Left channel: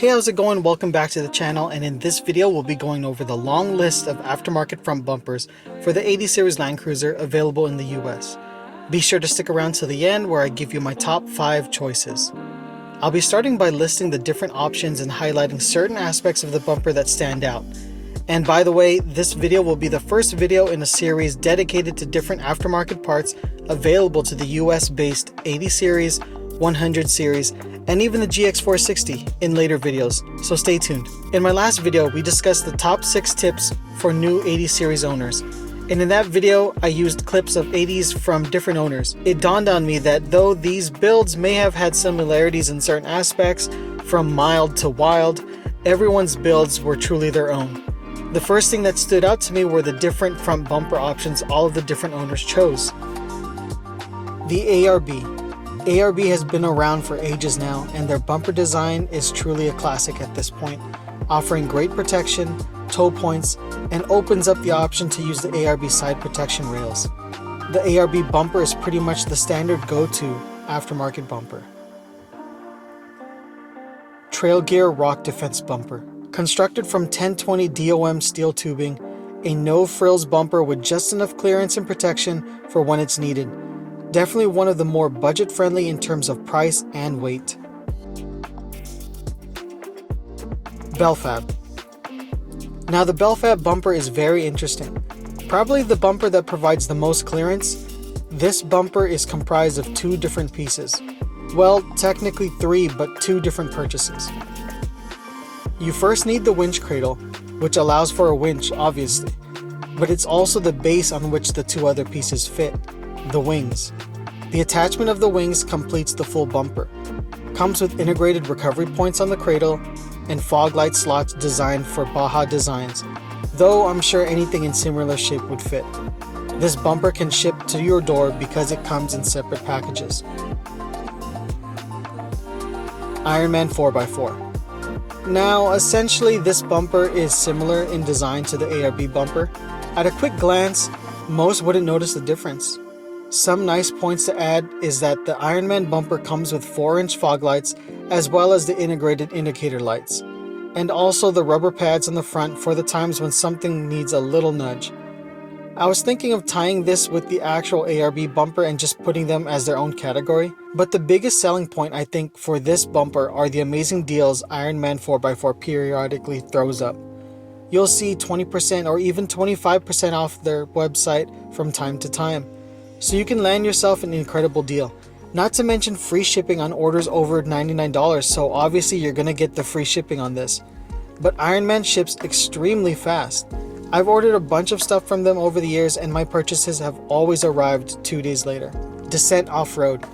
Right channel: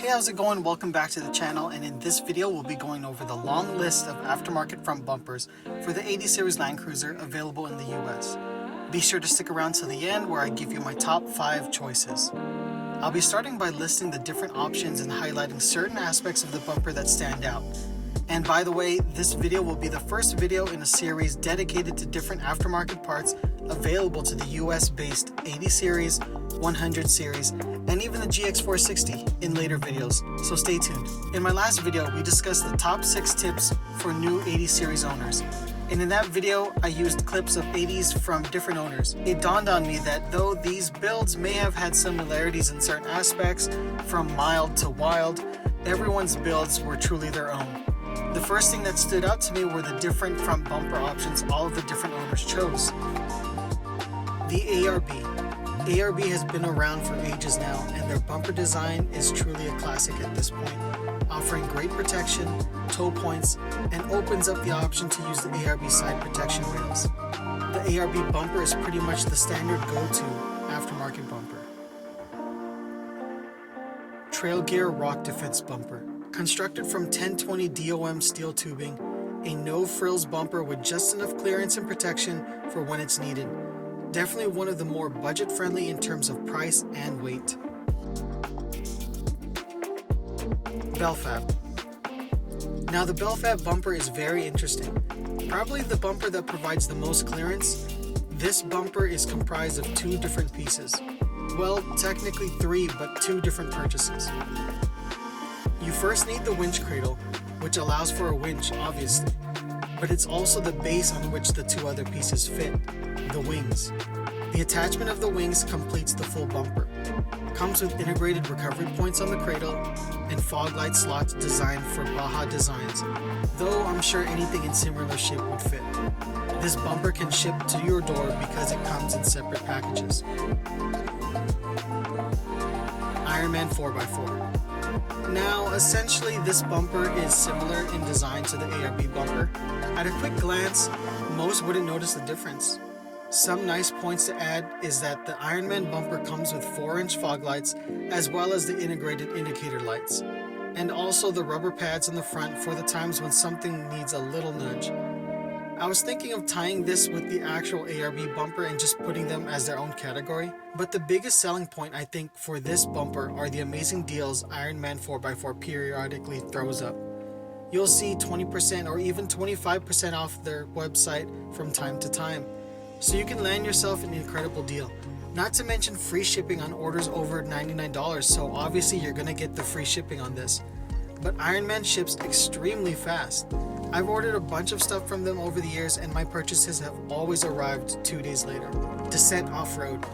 Hey, how's it going? Welcome back to the channel, and in this video we'll be going over the long list of aftermarket front bumpers for the 80 series Land Cruiser available in the US. Be sure to stick around to the end where I give you my top 5 choices. I'll be starting by listing the different options and highlighting certain aspects of the bumper that stand out. And by the way, this video will be the first video in a series dedicated to different aftermarket parts available to the US based 80 series, 100 series, and even the GX460 in later videos, so stay tuned. In my last video, we discussed the top 6 tips for new 80 series owners. And in that video, I used clips of 80s from different owners. It dawned on me that though these builds may have had similarities in certain aspects, from mild to wild, everyone's builds were truly their own. The first thing that stood out to me were the different front bumper options all of the different owners chose. The ARB. ARB has been around for ages now, and their bumper design is truly a classic at this point, offering great protection, toe points, and opens up the option to use the ARB side protection rails. The ARB bumper is pretty much the standard go-to aftermarket bumper. Trail Gear Rock Defense Bumper. Constructed from 1020 DOM steel tubing, a no-frills bumper with just enough clearance and protection for when it's needed. Definitely one of the more budget-friendly in terms of price and weight. Belfab. Now the Belfab bumper is very interesting. Probably the bumper that provides the most clearance. This bumper is comprised of 2 different pieces. Well, technically 3, but 2 different purchases. You first need the winch cradle, which allows for a winch, obviously, but it's also the base on which the 2 other pieces fit, the wings. The attachment of the wings completes the full bumper. Comes with integrated recovery points on the cradle and fog light slots designed for Baja designs, though I'm sure anything in similar shape would fit. This bumper can ship to your door because it comes in separate packages. Ironman 4x4. Now, essentially this bumper is similar in design to the ARB bumper. At a quick glance, most wouldn't notice the difference. Some nice points to add is that the Ironman bumper comes with 4-inch fog lights as well as the integrated indicator lights, and also the rubber pads on the front for the times when something needs a little nudge. I was thinking of tying this with the actual ARB bumper and just putting them as their own category, but the biggest selling point I think for this bumper are the amazing deals Ironman 4x4 periodically throws up. You'll see 20% or even 25% off their website from time to time, so you can land yourself an incredible deal. Not to mention free shipping on orders over $99, so obviously you're gonna get the free shipping on this. But Ironman ships extremely fast. I've ordered a bunch of stuff from them over the years and my purchases have always arrived 2 days later. Descent Off-Road.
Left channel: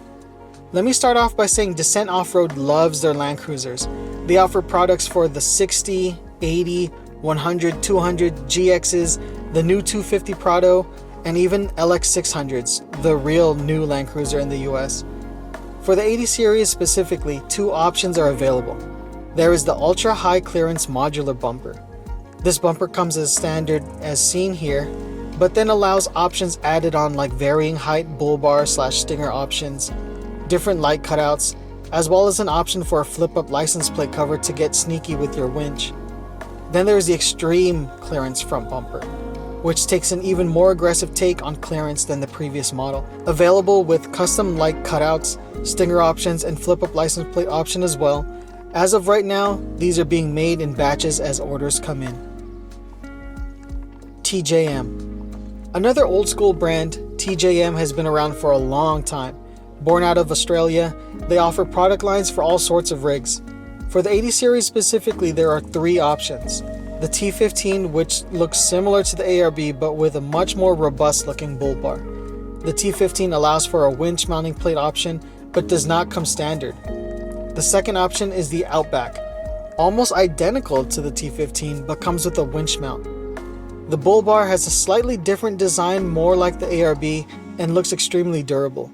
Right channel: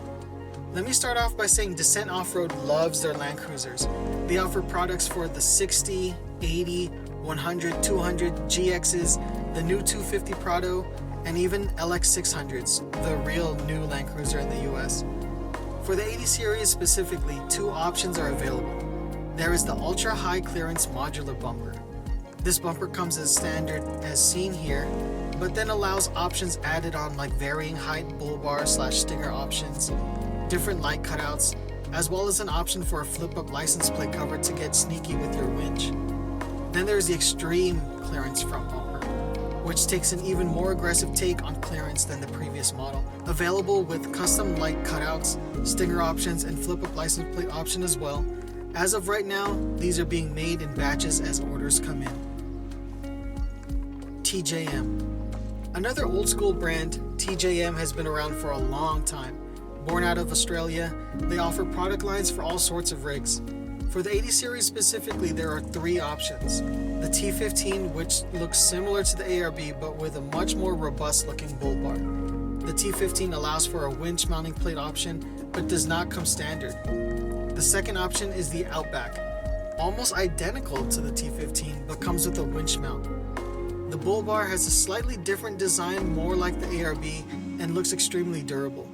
Let me start off by saying Descent Off-Road loves their Land Cruisers. They offer products for the 60, 80, 100, 200, GXs, the new 250 Prado, and even LX600s, the real new Land Cruiser in the US. For the 80 series specifically, 2 options are available. There is the ultra high clearance modular bumper. This bumper comes as standard as seen here, but then allows options added on like varying height bull bar / stinger options, different light cutouts, as well as an option for a flip up license plate cover to get sneaky with your winch. Then there's the extreme clearance front bumper, which takes an even more aggressive take on clearance than the previous model. Available with custom light cutouts, stinger options, and flip up license plate option as well. As of right now, these are being made in batches as orders come in. TJM. Another old school brand, TJM has been around for a long time. Born out of Australia, they offer product lines for all sorts of rigs. For the 80 series specifically, there are 3 options. The T15, which looks similar to the ARB but with a much more robust looking bull bar. The T15 allows for a winch mounting plate option but does not come standard. The second option is the Outback, almost identical to the T15 but comes with a winch mount. The bull bar has a slightly different design, more like the ARB, and looks extremely durable.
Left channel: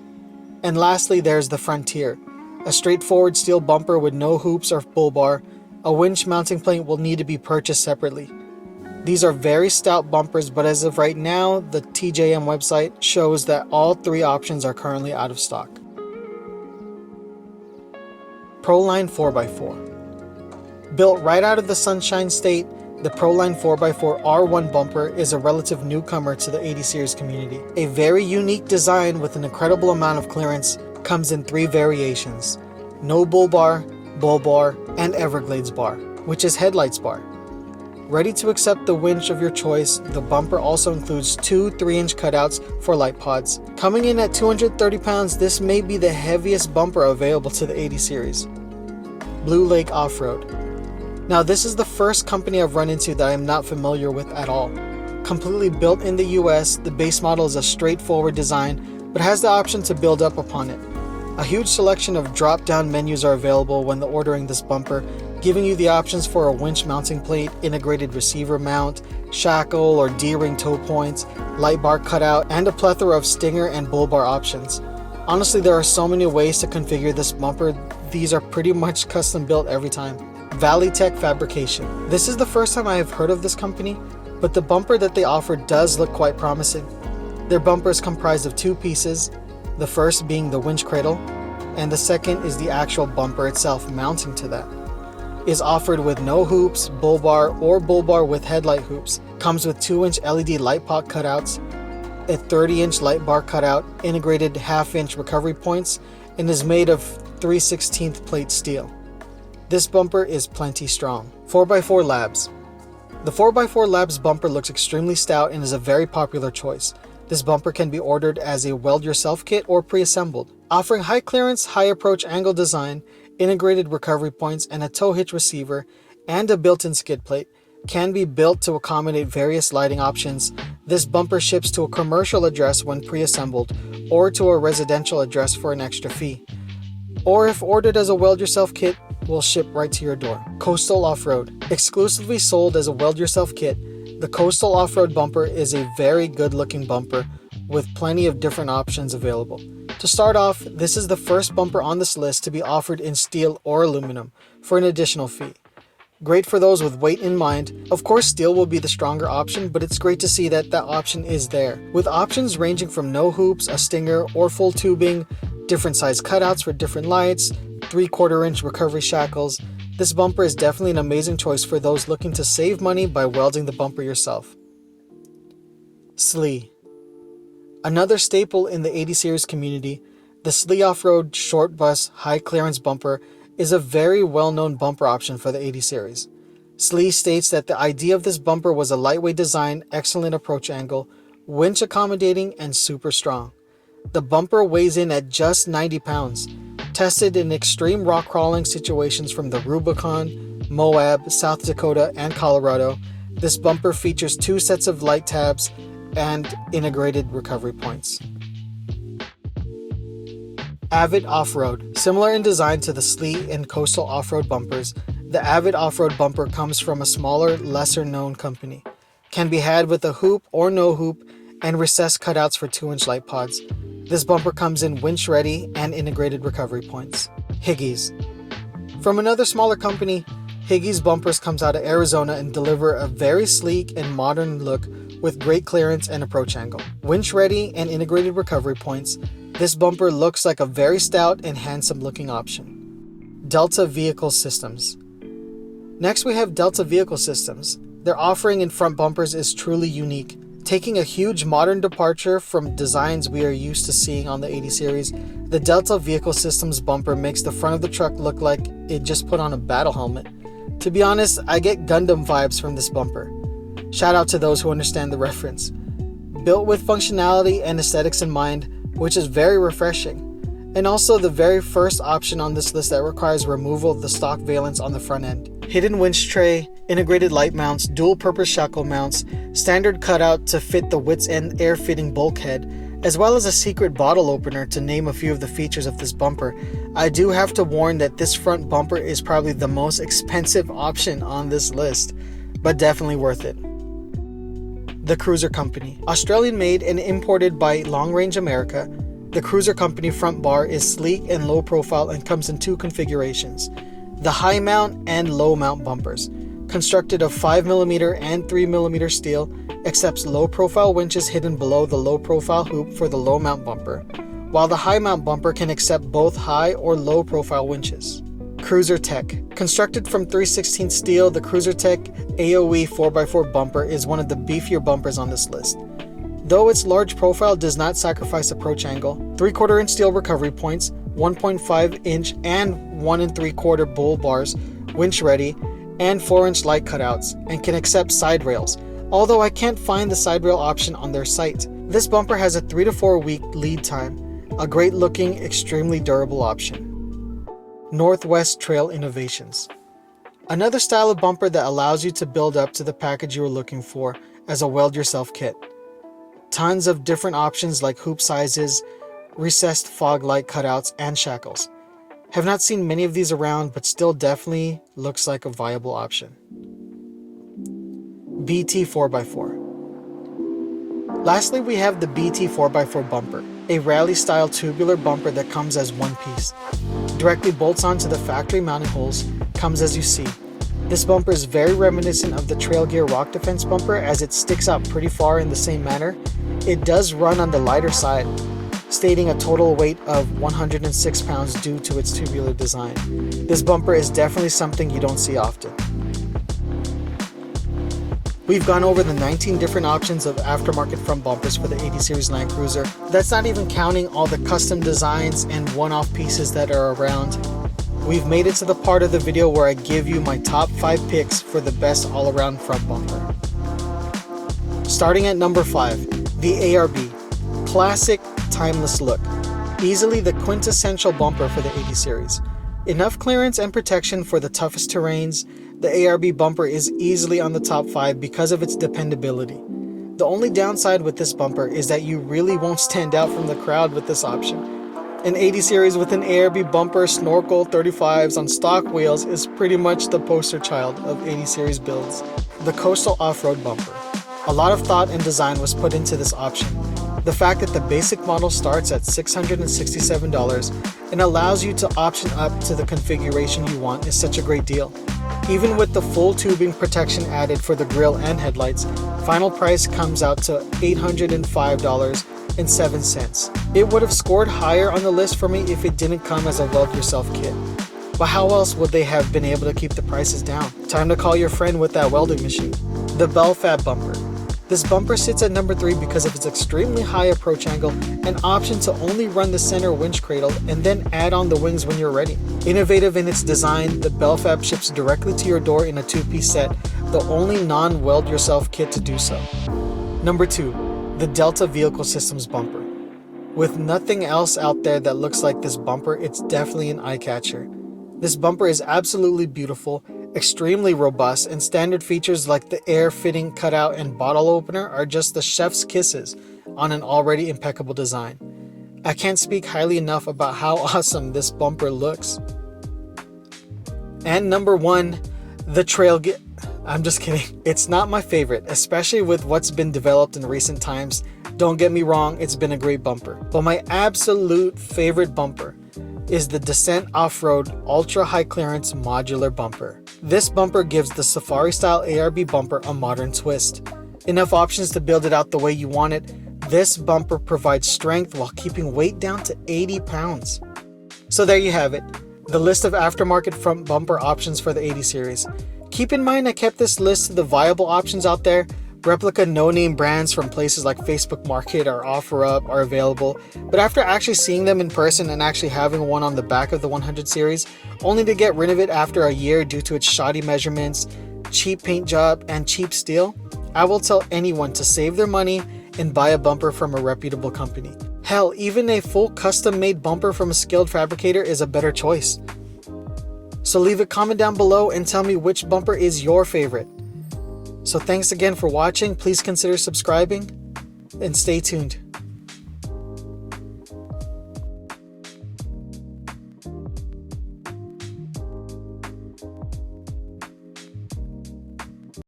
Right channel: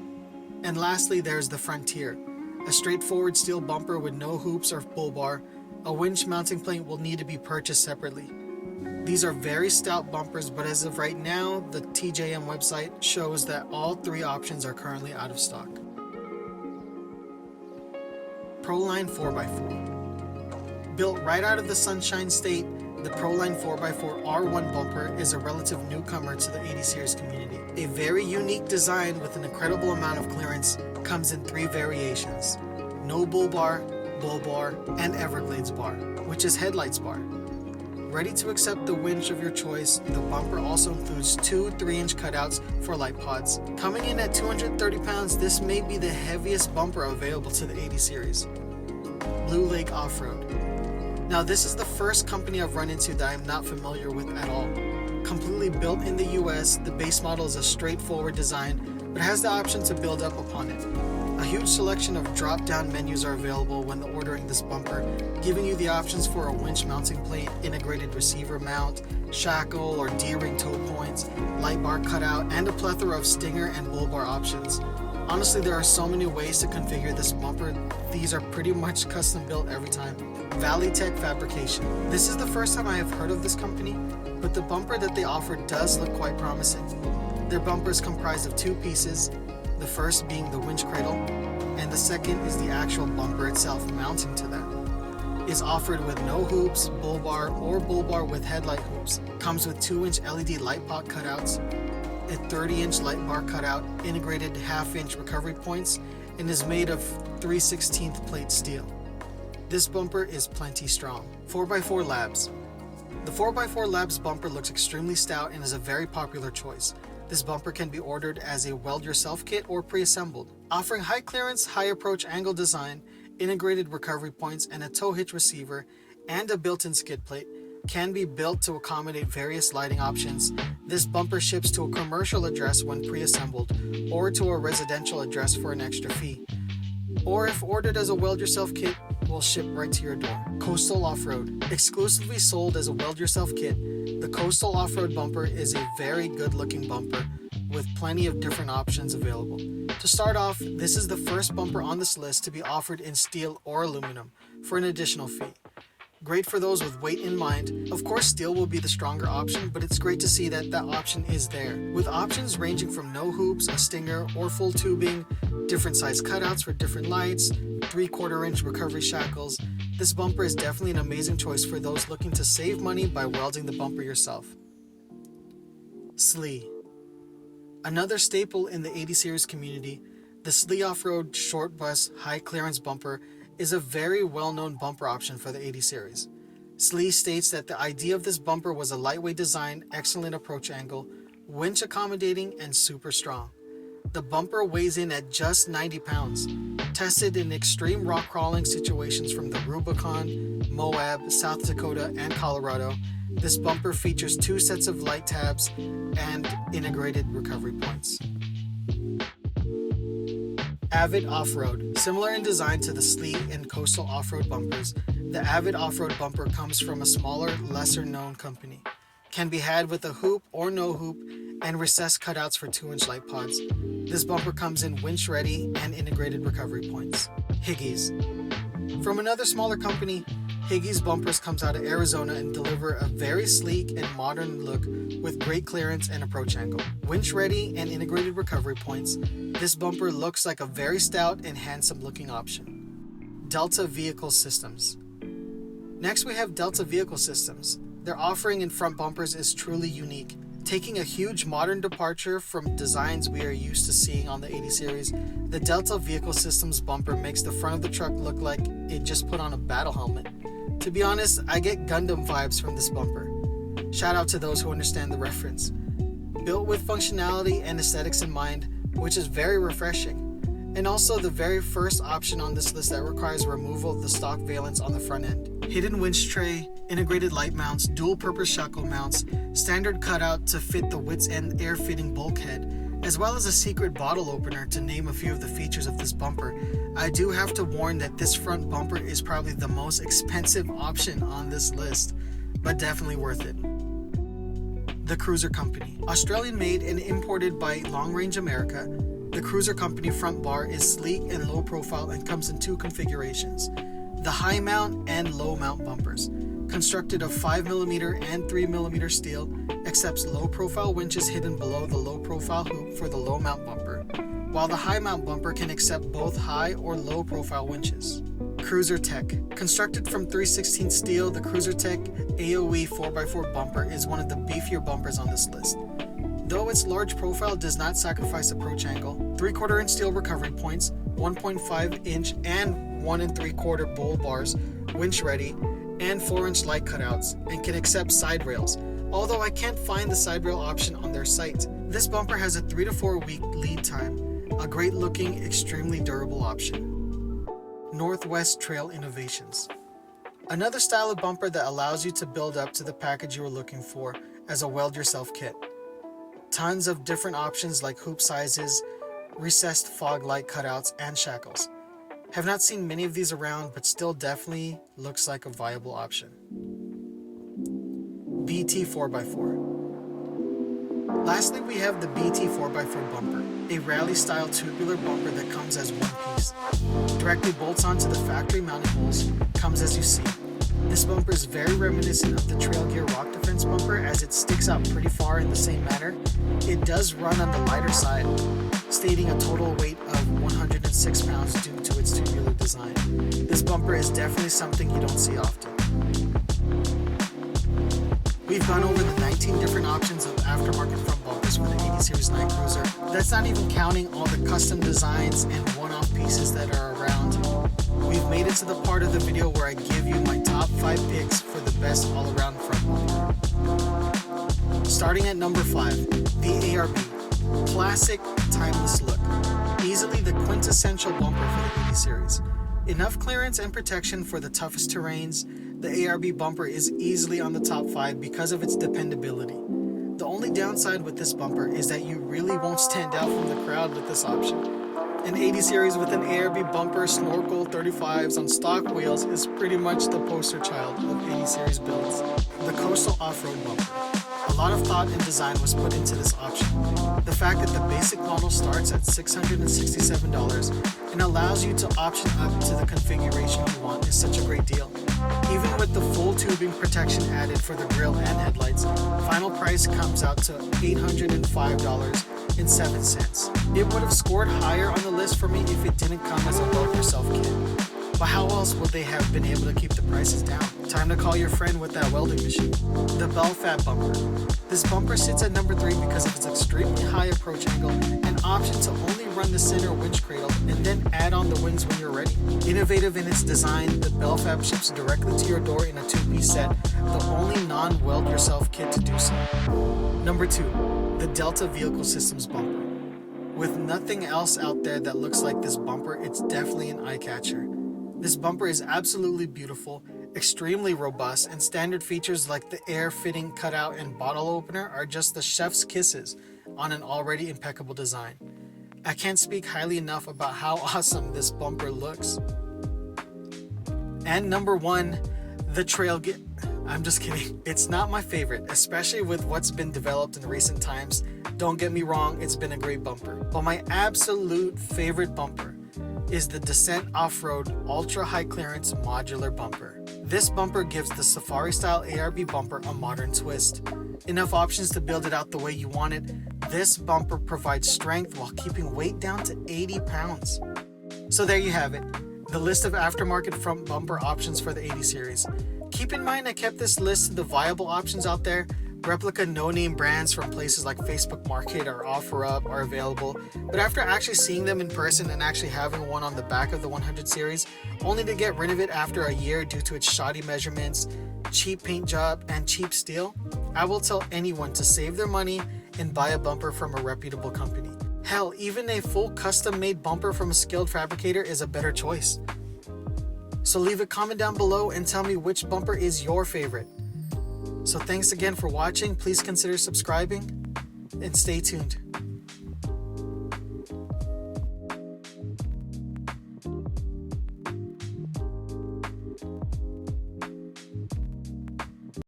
And lastly, there's the Frontier, a straightforward steel bumper with no hoops or bull bar. A winch mounting plate will need to be purchased separately. These are very stout bumpers, but as of right now, the TJM website shows that all 3 options are currently out of stock. Proline 4x4. Built right out of the Sunshine State, the Proline 4x4 R1 bumper is a relative newcomer to the 80 series community. A very unique design with an incredible amount of clearance, comes in 3 variations: no bull bar, and Everglades bar, which is headlights bar. Ready to accept the winch of your choice, the bumper also includes 2 3-inch cutouts for light pods. Coming in at 230 pounds, this may be the heaviest bumper available to the 80 series. Blue Lake Off-Road. Now this is the first company I've run into that I'm not familiar with at all. Completely built in the US, the base model is a straightforward design, but has the option to build up upon it. A huge selection of drop-down menus are available when ordering this bumper, giving you the options for a winch mounting plate, integrated receiver mount, shackle or D-ring toe points, light bar cutout, and a plethora of stinger and bull bar options. Honestly, there are so many ways to configure this bumper, these are pretty much custom built every time. ValleyTech Fabrication. This is the first time I have heard of this company, but the bumper that they offer does look quite promising. Their bumper is comprised of 2 pieces, the first being the winch cradle, and the second is the actual bumper itself mounting to that. Is offered with no hoops, bull bar, or bull bar with headlight hoops. Comes with 2-inch LED light pot cutouts, a 30-inch light bar cutout, integrated half-inch recovery points, and is made of 3/16 plate steel. This bumper is plenty strong. 4x4 Labs. The 4x4 Labs bumper looks extremely stout and is a very popular choice. This bumper can be ordered as a weld-yourself kit or pre-assembled. Offering high clearance, high approach angle design, integrated recovery points, and a tow hitch receiver, and a built-in skid plate, can be built to accommodate various lighting options. This bumper ships to a commercial address when pre-assembled, or to a residential address for an extra fee. Or if ordered as a weld-yourself kit, will ship right to your door. Coastal Off-Road. Exclusively sold as a weld-yourself kit, the Coastal Off-Road bumper is a very good-looking bumper with plenty of different options available. To start off, this is the first bumper on this list to be offered in steel or aluminum for an additional fee. Great for those with weight in mind. Of course, steel will be the stronger option, but it's great to see that that option is there. With options ranging from no hoops, a stinger, or full tubing, different size cutouts for different lights, 3/4-inch recovery shackles, this bumper is definitely an amazing choice for those looking to save money by welding the bumper yourself. SLE. Another staple in the 80 series community, the SLE Off-Road Short Bus High Clearance Bumper is a very well-known bumper option for the 80 series. SLE states that the idea of this bumper was a lightweight design, excellent approach angle, winch accommodating, and super strong. The bumper weighs in at just 90 pounds. Tested in extreme rock crawling situations from the Rubicon, Moab, South Dakota, and Colorado, this bumper features 2 sets of light tabs and integrated recovery points. Avid Off-Road. Similar in design to the SLE and Coastal Off-Road bumpers, the Avid Off-Road bumper comes from a smaller, lesser-known company. Can be had with a hoop or no hoop and recessed cutouts for 2-inch light pods. This bumper comes in winch ready and integrated recovery points. Higgies. From another smaller company, Higgies bumpers comes out of Arizona and deliver a very sleek and modern look with great clearance and approach angle. Winch ready and integrated recovery points, this bumper looks like a very stout and handsome looking option. Delta Vehicle Systems. Next we have Delta Vehicle Systems. Their offering in front bumpers is truly unique. Taking a huge modern departure from designs we are used to seeing on the 80 series, the Delta Vehicle Systems bumper makes the front of the truck look like it just put on a battle helmet. To be honest, I get Gundam vibes from this bumper. Shout out to those who understand the reference. Built with functionality and aesthetics in mind, which is very refreshing. And also the very first option on this list that requires removal of the stock valence on the front end. Hidden winch tray, integrated light mounts, dual purpose shackle mounts, standard cutout to fit the wit's end air fitting bulkhead, as well as a secret bottle opener to name a few of the features of this bumper. I do have to warn that this front bumper is probably the most expensive option on this list, but definitely worth it. The Cruiser Company. Australian made and imported by Long Range America, the Cruiser Company front bar is sleek and low profile and comes in 2 configurations. The high mount and low mount bumpers. Constructed of 5mm and 3mm steel, accepts low profile winches hidden below the low profile hoop for the low mount bumper, while the high mount bumper can accept both high or low profile winches. Cruiser Tech. Constructed from 3/16 steel, the Cruiser Tech AOE 4x4 bumper is one of the beefier bumpers on this list. Though its large profile does not sacrifice approach angle, 3/4 inch steel recovery points, 1.5 inch and 1 3/4 bull bars, winch ready, and 4 inch light cutouts, and can accept side rails, although I can't find the side rail option on their site. This bumper has a 3 to 4 week lead time, a great looking, extremely durable option. Northwest Trail Innovations. Another style of bumper that allows you to build up to the package you were looking for as a weld yourself kit. Tons of different options like hoop sizes, recessed fog light cutouts, and shackles. Have not seen many of these around, but still definitely looks like a viable option. BT 4x4. Lastly, we have the BT 4x4 bumper, a rally style tubular bumper that comes as one piece. Directly bolts onto the factory mounted holes, comes as you see. This bumper is very reminiscent of the Trail Gear Rock Defense bumper as it sticks out pretty far in the same manner. It does run on the lighter side, stating a total weight of 106 pounds due to its tubular design. This bumper is definitely something you don't see often. We've gone over the 19 different options of aftermarket front bumpers for the 80 Series Land Cruiser. That's not even counting all the custom designs and one-off pieces that are around. We've made it to the part of the video where I give you my top 5 picks for the best all-around front bumper. Starting at number 5, the ARB. Classic, timeless look. Easily the quintessential bumper for the 80 Series. Enough clearance and protection for the toughest terrains, the ARB bumper is easily on the top 5 because of its dependability. The only downside with this bumper is that you really won't stand out from the crowd with this option. An 80 Series with an ARB bumper, snorkel, 35s on stock wheels is pretty much the poster child of 80 Series builds. The Coastal Off-Road bumper. A lot of thought and design was put into this option. The fact that the basic model starts at $667 and allows you to option up to the configuration you want is such a great deal. Even with the full tubing protection added for the grille and headlights, final price comes out to $805.07. It would have scored higher on the list for me if it didn't come as a weld yourself kit. But how else would they have been able to keep the prices down? Time to call your friend with that welding machine. The Belfab bumper. This bumper sits at number 3 because of its extremely high approach angle and option to only run the center winch cradle and then add on the wings when you're ready. Innovative in its design, the Belfab ships directly to your door in a 2-piece set, the only non-weld yourself kit to do so. Number 2, the Delta Vehicle Systems bumper. With nothing else out there that looks like this bumper, it's definitely an eye catcher. This bumper is absolutely beautiful, extremely robust, and standard features like the air fitting cutout and bottle opener are just the chef's kisses on an already impeccable design. I can't speak highly enough about how awesome this bumper looks. And number 1, the Trail Gear. I'm just kidding. It's not my favorite, especially with what's been developed in recent times. Don't get me wrong, it's been a great bumper. But my absolute favorite bumper is the Descent Off-Road Ultra High Clearance Modular Bumper. This bumper gives the Safari style ARB bumper a modern twist. Enough options to build it out the way you want it. This bumper provides strength while keeping weight down to 80 pounds. So there you have it, the list of aftermarket front bumper options for the 80 Series. Keep in mind I kept this list of the viable options out there. Replica no-name brands from places like Facebook Market or OfferUp are available, but after actually seeing them in person and actually having one on the back of the 100 Series, only to get rid of it after a year due to its shoddy measurements, cheap paint job, and cheap steel, I will tell anyone to save their money and buy a bumper from a reputable company. Hell, even a full custom-made bumper from a skilled fabricator is a better choice. So leave a comment down below and tell me which bumper is your favorite. So thanks again for watching. Please consider subscribing and stay tuned.